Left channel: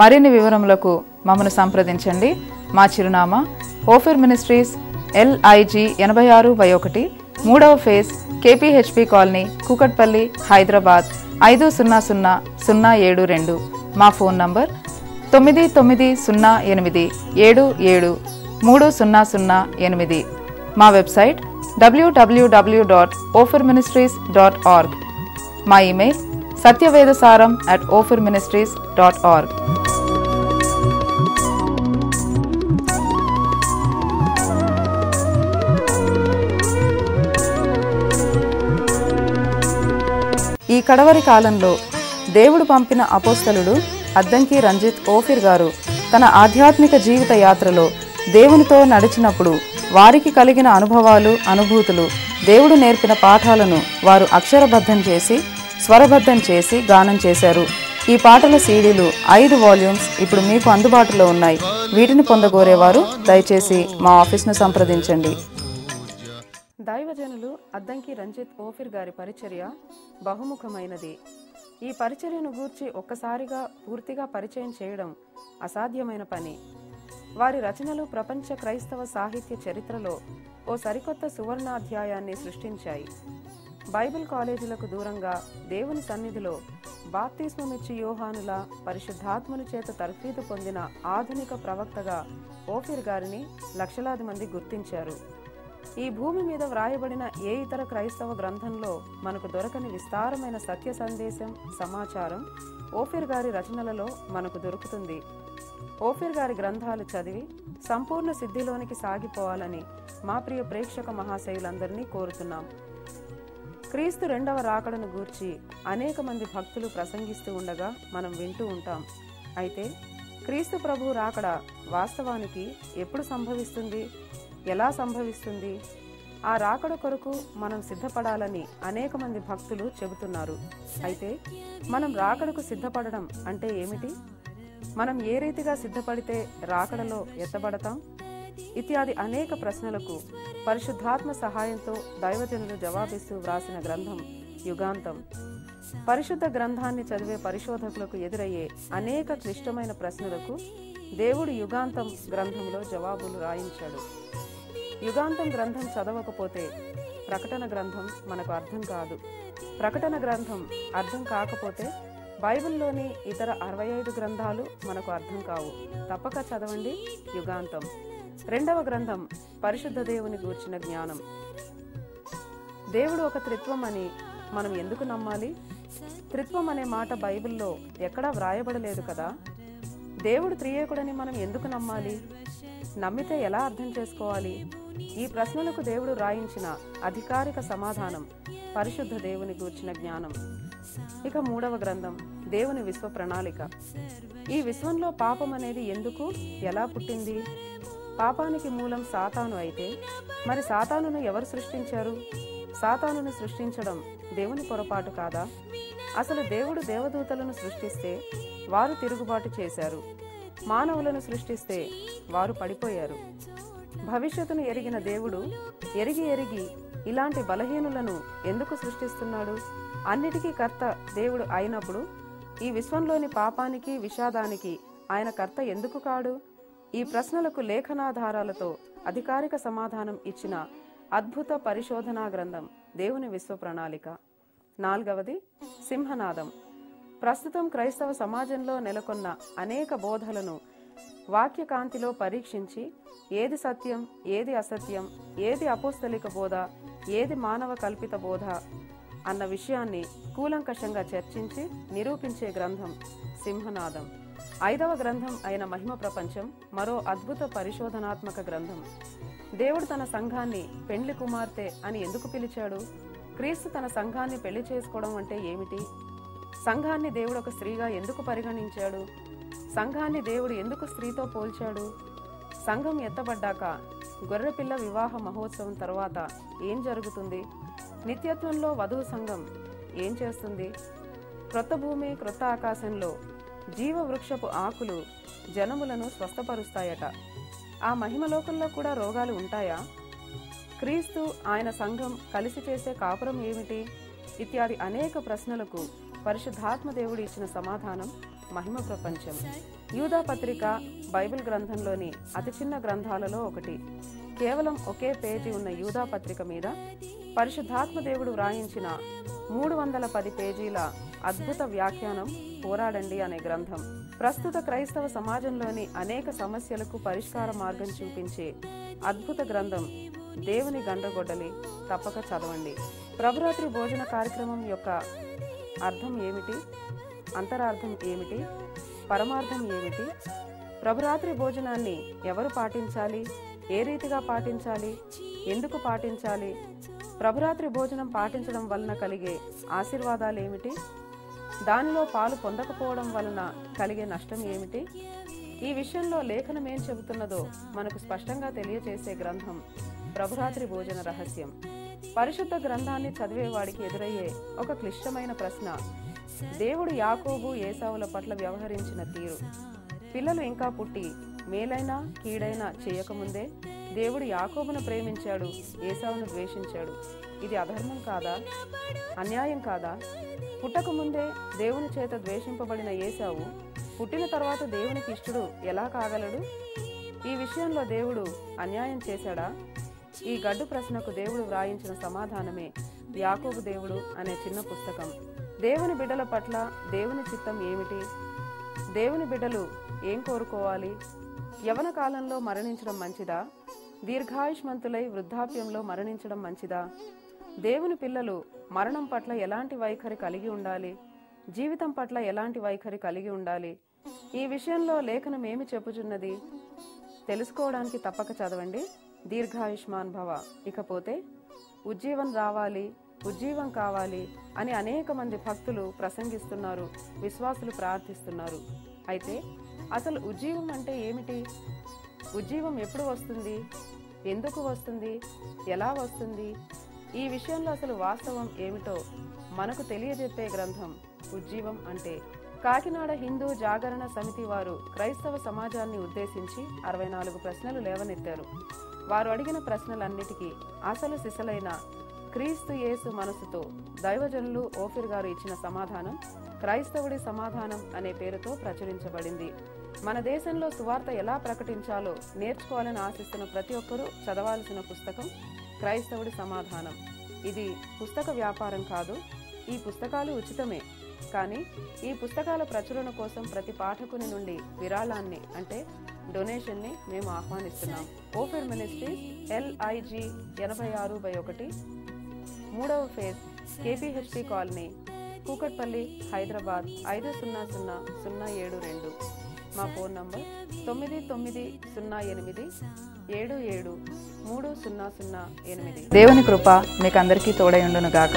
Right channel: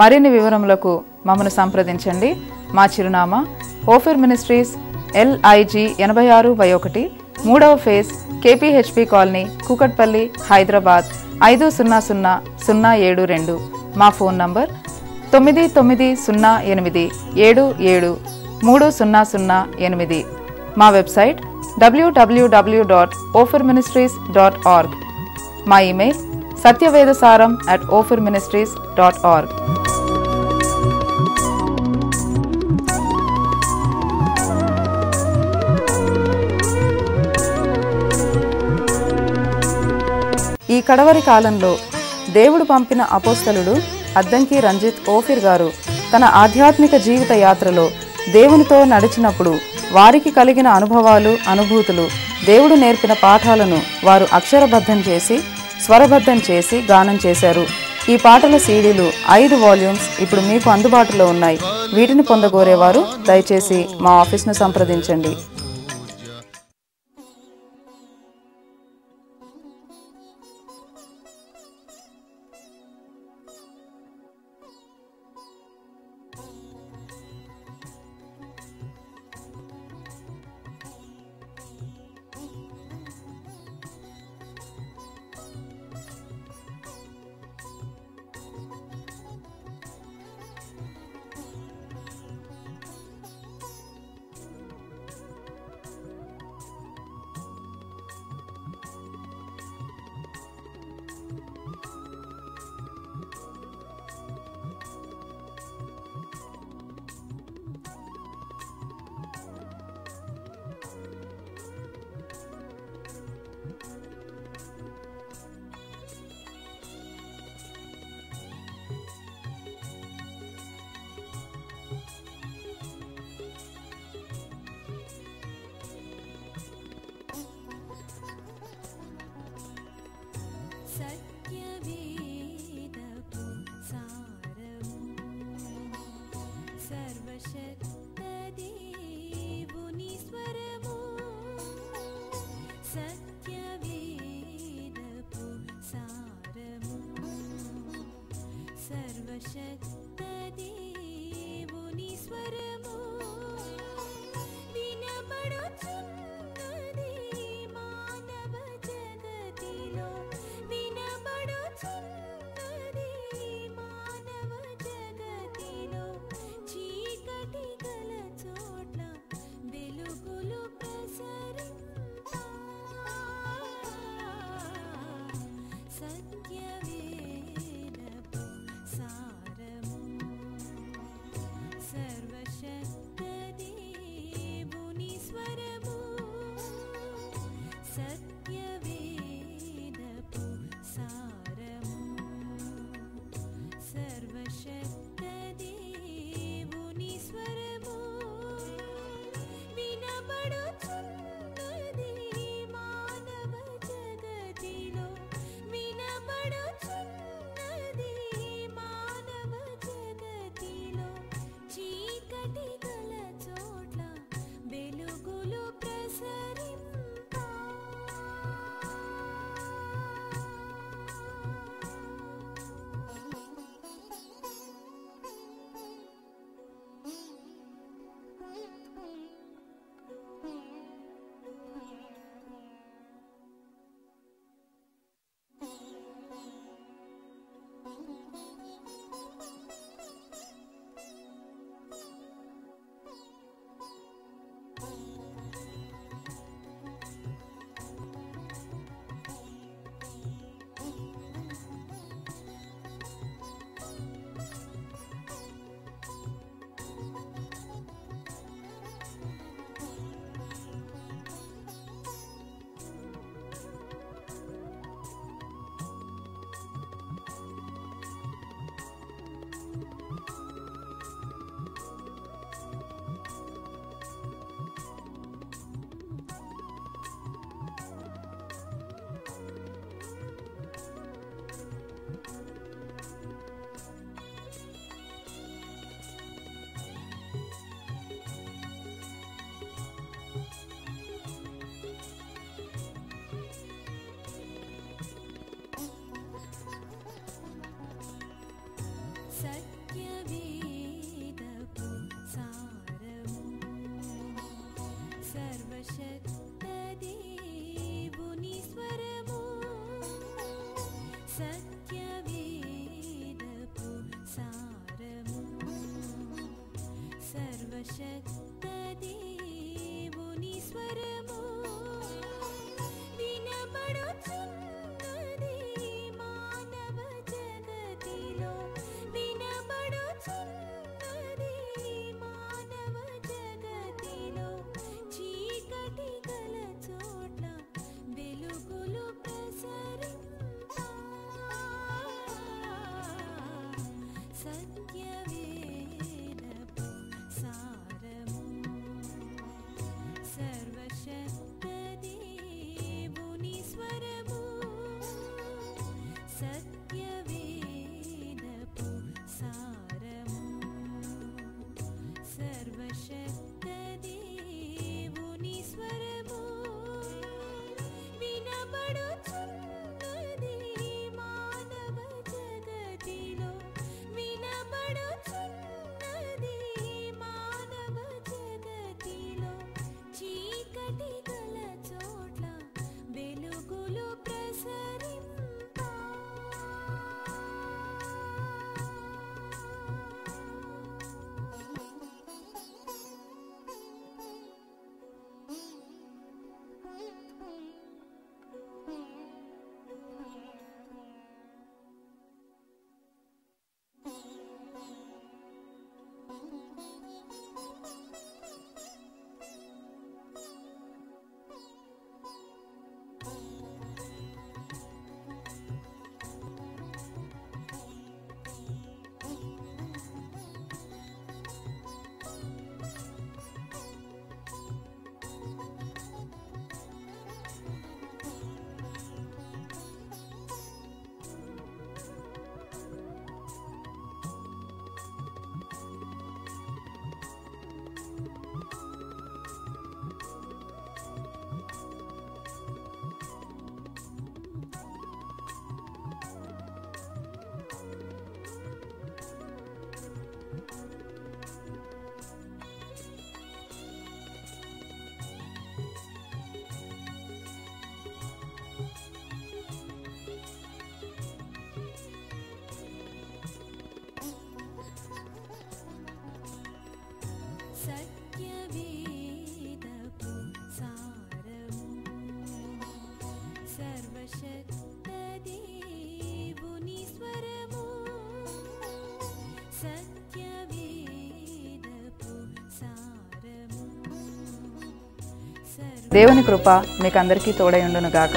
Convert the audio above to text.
మరిన్ని వివరములకు మమ్మను సంప్రదించండి. మా చిరునామా ఓఫిర్ మినిస్ట్రీస్, LIG 86/1, 3వ phase, KPHP colony, Kukatpally, Hyderabad 500072. మా ఫోన్ నంబర్ 9908773008. మా వెబ్సైట్ www.ofirministries.org. మా ఇమెయిల్ satyavedasaram@ofirministries.org. ఈ కడవరి కాలంలో దేవుడు పంపిన అపోస్తలుడు అద్దంకి రంజిత్ ఓఫిర్ గారు తన ఆధ్యాత్మిక జీవిత యాత్రలో దేవునితో నడిచినప్పుడు వారికి కలిగిన అనుభవాలు, అనుభూతులు, దేవుడు నేర్పిన పాఠాలను వారు అక్షరబద్ధం చేసి, స్వరబద్ధం చేసి గానం చేశారు. ఈ పాటల సీడీలు 5 వాల్యూమ్స్ ఇప్పుడు మీకు అందుబాటులో ఉన్నాయి. వీటిని పొందగోరేవారు దయచేసి మా ఆఫీస్ను సంప్రదించండి. దైవజనులు అద్దంకి రంజిత్ ఓఫిర్ గారి పరిచర్య బహుముఖమైనది. ఈ పరిచర్యను గూర్చి ఒక్కసారిగా పూర్తిగా పరిచయం చేయడం అసాధ్యమైన పని. వారి రచనలు ప్రపంచ క్రైస్తవ సాహిత్య చరిత్రలో ఓ సరికొత్త సువర్ణాధ్యాయాన్ని సృష్టించాయి. బైబిల్ కాలేజీలకు దూరంగా దేవుని సన్నిధిలో బాప్తిస్మమిచ్చి యోహానుల పరిశుద్ధాత్మని చేత తర్ఫీదు పొందిన ఆధునిక ప్రవక్తగా ఓఫిర్ గారిని లక్షలాది మంది గుర్తించారు. ఈ భూమి మీద వ్రాయబడిన ఏ ఇతర క్రైస్తవ గ్రంథంలో మనకు దొరకని విస్తారమైన సత్య సందేశం, సమాచారం ఓఫిర్ గారి రచనలలో మనకు దొరుకుతుంది. ఓఫిర్ గారి గ్రంథాలు చదివి సంపూర్ణ సిద్ధిలోనికి సాగిపోవాలని మా ప్రియ ప్రేక్షక మహాశయులందరినీ కోరుతున్నాం. క్రీస్తు 2వ రాకడను గూర్చి అనేక మంది భక్తులు ప్రసంగిస్తూ ఉండగా మనం వింటూ ఉంటాం. అయితే క్రీస్తు ప్రభు రాకడ వాస్తవానికి ఎప్పుడు సంభవిస్తుంది, ఎలా సంభవిస్తుంది? ఆ రాకడ కొరకు మనం సిద్ధపడాలని అనేక మంది భక్తులు చెబుతున్నారు. అయితే మనం రాకడకు సిద్ధపడడం అంటే ఏమిటి? మనం ఏ రీతిగా సిద్ధపడితే రాకడలో ఎత్తబడతాం? ఇత్యాది అనేక ప్రశ్నలకు పరిశుద్ధాత్మ సహాయంతో దైవజనులు జవాబిస్తూ వ్రాసిన గ్రంథం యుగాంతం. పరిశుద్ధ గ్రంథాన్ని చదివే పరిశోధకులకు ఎదురయ్యే అనేక క్లిష్టమైన ప్రశ్నలకు దేవుడు యుగాంతం గ్రంథంలో జవాబులు రాయించాడు. యుగాంతం గ్రంథం చదవకపోతే ప్రకటన గ్రంథం మనకు అర్థం కాదు. ప్రకటన గ్రంథం అర్థం కాకపోతే బైబిల్లోని ఇతర 65 గ్రంథాలు మనకు అర్థం కావు. తప్పక చదవండి యుగాంతం. 2వ గ్రంథం పరిశుద్ధ దేవుని గూర్చిన జ్ఞానం. దేవుడు ఒక త్రిత్వం అని మనం ఎందుకు నమ్మాలి? త్రిత్వం అనే మాట బైబిల్లో ఎక్కడా వ్రాయబడలేదు కదా. దేవుడు త్రియేకుడని మనం ఎందుకు నమ్మాలి? నమ్మితే ఎలా అర్థం చేసుకోవాలి? ఈ ప్రశ్నలకు దేవుడు రాయించిన అధికారిక సమాధానం పరిశుద్ధ దేవుని గూర్చిన జ్ఞానం. ఇక 3వ గ్రంథం దేవుని విశ్వ ప్రణాళిక. ఈ విశ్వంలో పాపం అనేది ఎందుకు, ఎలా పుట్టింది? పాపానికి మూలం సాతాను అయితే మరి సాతానును ఎవరు సృష్టించారు? సాతానును సృష్టించడం దేవుని పొరపాటు కాదా? అసలు దేవుడు దేవదూతలను సృష్టిస్తే వారు తిరుగుబాటు చేశారు. మానవులను సృష్టిస్తే వారు పడిపోయారు. భవిష్యత్తును ఎరిగిన దేవుడు ఎరిగి ఇలాంటి బలహీనులను ఎందుకు సృష్టిస్తున్నాడు? అన్నిటికీ కర్త దేవుడు అయినప్పుడు ఈ విశ్వంలోని పాపానికి, విషాదానికి ఆయన కర్త ఎందుకు కాడు? ఈ ప్రశ్నలకు లేఖనాధారాలతో అధికారిక సమాధానం ఇచ్చిన అద్భుత పరిశోధనా గ్రంథం దేవుని విశ్వ ప్రణాళిక. 4వది సింహనాదం. ప్రస్తుతం క్రైస్తవ సమాజంలో నెలకొన్న అనేక బోధలను వాక్యకాంతిలో పరీక్షించి ఏది సత్యం, ఏది అసత్యం, ఏది అపోస్తలిక బోధ, ఏది మానవ కల్పిత బోధ అన్న విషయాన్ని కూలంకషంగా చర్చించి నిరూపించే గ్రంథం సింహనాదం. 5వ గ్రంథం అయిన మహిమ ప్రపంచం మరో అద్భుత పరిశోధనాత్మక గ్రంథం. దేవుడు తన సంఘాన్ని పెండ్లి కుమార్తె అని ఎందుకు పిలిచాడు? క్రీస్తు తన సంఘాన్ని పెళ్లి చేసుకోవడం అంటే ఏమిటి? సంఘాన్ని దేవుడు ఒక స్త్రీగా ఎందుకు పరిగణించాడు? సంఘాన్ని దేవుడు ఎందుకు స్త్రీతో పోల్చాడు? సంఘం ఎత్తబడ్డాక గొర్రెపిల్ల వివాహ మహోత్సవం తర్వాత ఏం జరుగుతుంది? నిత్యత్వంలో వధువు సంఘం ఏం చేస్తుంది? క్రొత్త భూమి, క్రొత్త ఆకాశంలో జీవవృక్షపు ఆకులు జనములను స్వస్థపరుస్తాయట. ఆ మహిమలోకంలో కూడా రోగాలు ఉంటాయా? క్రీస్తు, ఆయన సంఘం కలిసి చేసే కాపురం ఏమిటి? ఇత్యాది అనేక ప్రశ్నలకు పరిశుద్ధాత్మ దేవుడు ఇచ్చిన సమాధానం మహిమ ప్రపంచం. యూదా పత్రిక బైబిల్ గ్రంథంలోని అతి చిన్న గ్రంథాలలో ఒకటి. కేవలం ఒకే పేజీ ఉన్న యూదా పత్రిక మీద పరిశుద్ధాత్మ దేవుడు వ్రాయించిన 310 పేజీల అద్భుత వ్యాఖ్యానం పోరాడండి అనే గ్రంథం. ప్రస్తుత క్రైస్తవ సమాజంలోని అనేక సమస్యలకు పరిష్కార మార్గం చూపించే అద్భుత గ్రంథం దేవుని గండ్రగొడ్డలి. తప్పక చదవండి. ప్రభురాత్రి భోజన కార్యక్రమం యొక్క అర్థం ఏమిటి? అంతరార్థం ఏమిటి? పరమార్థం ఏమిటి? ప్రభురాత్రి భోజనాన్ని ఎవరు పాటించాలి? ఏ రీతిగా పాటించాలి? ఎందుకు పాటించాలి? ప్రభురాత్రి భోజనం పాటించడం వలన కలిగే ఆశీర్వాదాలు ఏమిటి? దానిలో పాలు పొందకపోవడం వలన కలిగే నష్టం ఏమిటి? ఈ విషయంలో లేఖనం ఏం చెబుతున్నదో మనకు స్పష్టంగా తెలియజేసే గ్రంథం ప్రభురాత్రి భోజన రహస్యం. పరిశుద్ధ గ్రంథాన్ని చదివేవాడికి ఎదురయ్యే ఒక క్లిష్టమైన ప్రశ్న దేవుడు యాకోబు ఏసావుల పట్ల వ్యవహరించిన తీరు. పిల్లలు ఇంకా పుట్టి మేలైనా కీడైనా చేయకముందే దేవుడు యాకోబును ప్రేమించాడు, ఏసావును ద్వేషించాడు. ఇది అధర్మం కాదా? అన్యాయం కాదా? పుట్టకముందే దేవుని చేత ద్వేషింపబడిన ఏసావు పుట్టిన తర్వాత దేవునికి ఇష్టడు ఎలా కాగలడు? ఈ విషయంలో దేవుడు అన్యాయం చేశాడా? ఈ గడ్డు ప్రశ్నకు దేవుడు వ్రాయించిన సమాధానమే యాకోబు దేవుడు అనే చిన్న పుస్తకం. దేవుని బిడ్డల పట్ల దేవుని చిత్తం ఏమిటి? దేవుని బిడ్డలు ఏం కోరుకోవాలి? యవన కాలంలో మరణించడం మంచిదా? దీర్ఘాయుష్మంతులై వృద్ధాప్యంలో మరణించడం మంచిదా? దేవుని పిల్లలు మరణం పట్ల ఎలాంటి వైఖరి కలిగి ఉండాలి? జీవితం పట్ల ఎలాంటి వైఖరి కలిగి ఉండాలి? ఈ విషయంలో లేఖనం ఏమి చెప్పుచున్నది? తెలుసుకోవడానికి తప్పక చదవండి. దీర్ఘాయుష్మాన్ భవ. ఇకపోతే ఉజ్జీవం రావాలి, ఉజ్జీవం కావాలి అని అనేక మంది భక్తులు ప్రసంగిస్తున్నారు, విశ్వాసులు ప్రార్థిస్తున్నారు. అయితే అసలు ఉజ్జీవం అంటే ఏమిటి? ఉజ్జీవం ఎప్పుడు వస్తుంది? ఎందుకు వస్తుంది? ఎలా వస్తుంది? ఈ విషయంలో అసలు వాస్తవం ఏమిటో మనకు తెలియజెప్పే గ్రంథం ఉజ్జీవం అంటే. కాకినాడ హిందూ జాగరణ సమితి వారు క్రైస్తవ సమాజాన్ని ఉద్దేశించి 64 ప్రశ్నలు లేవనెత్తారు. వారు అడిగిన ప్రశ్నలన్నిటికీ అసలు సిసలైన క్రీస్తు యేసు మనసుతో దైవజనులు ఓఫిర్ గారు ఇచ్చిన సమాధానం క్రైస్తవుడి సమాధానం అనే పేరుతో ప్రచురించబడింది. మన దేశంలో సువార్త ఎలా ప్రకటించాలో నేర్చుకోవాలని ఆశిస్తున్న ప్రతి ఒక్కరూ చదవాల్సిన పుస్తకం క్రైస్తవుడి సమాధానం. ఇది పుస్తక వ్యాపారం కాదు. ఈ పుస్తకాలు ఉచితమే. కానీ ఈ పుస్తకాల ప్రచురణ కోసం ప్రతి పాఠకుని నుండి విరాళాన్ని అంటే డొనేషన్ని మేము ఆహ్వానిస్తున్నాం. ఓఫిర్ మినిస్ట్రీ LIG 86/1 3వ phase KPHP colony, Kukatpally, Hyderabad 500072. మా ఫోన్ నంబర్ 9908773008. దేవుని కృప మీకు అందరికీ తోడై ఉండును గాక.